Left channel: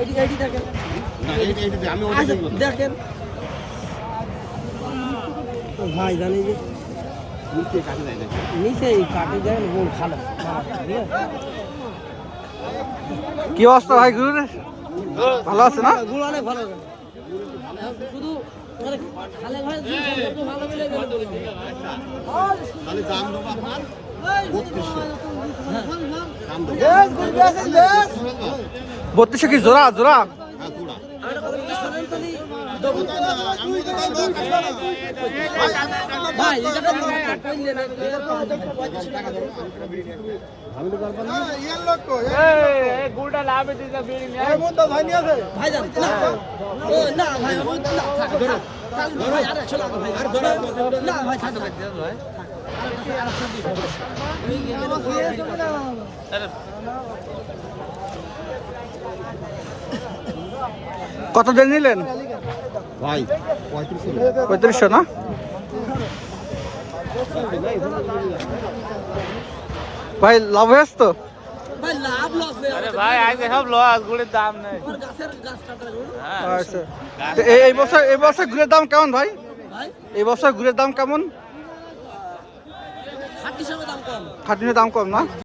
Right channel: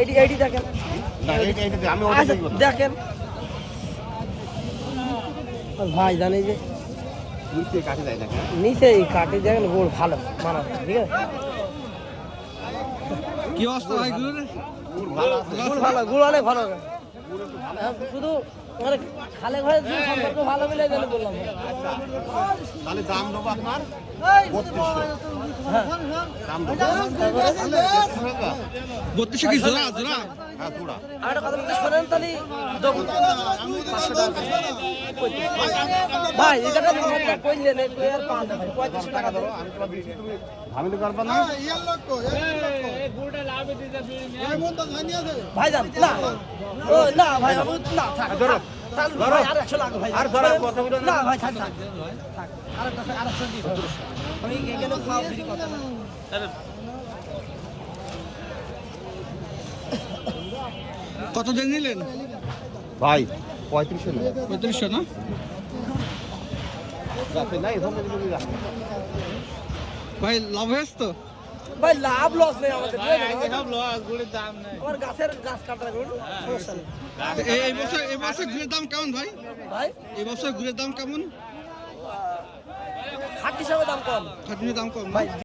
এইটি দেখেন, দেখেন ভাই জানি যে নিচে কাটে দেখেন গোল ভালো, ঠিক আছে। কি অবস্থা ভাই গুরুর? ভালো আছে না? গুড় অনেক ভালো, শুধু খালে ঘরে ভালো মিলে গেলে বললাম। বত্রিশশো কি জোড়া জোড়া? ভাই কত দিন নিলেন ভাই? 3500 না? ভাই লাভ হয়েছে তো? ভাই লাভ লস নেই ভাই, আজকে সব লস, গুড়ের দাম নেই। আমার গাছের গাছ কাটা গুড়। আচ্ছা, এই বছর গুড়ের দাম কেমন ভাই? ভাই এই বছর গুড়ের দাম কেমন? খাট হিসাবে দাম কম। খাটনির দাম কম না?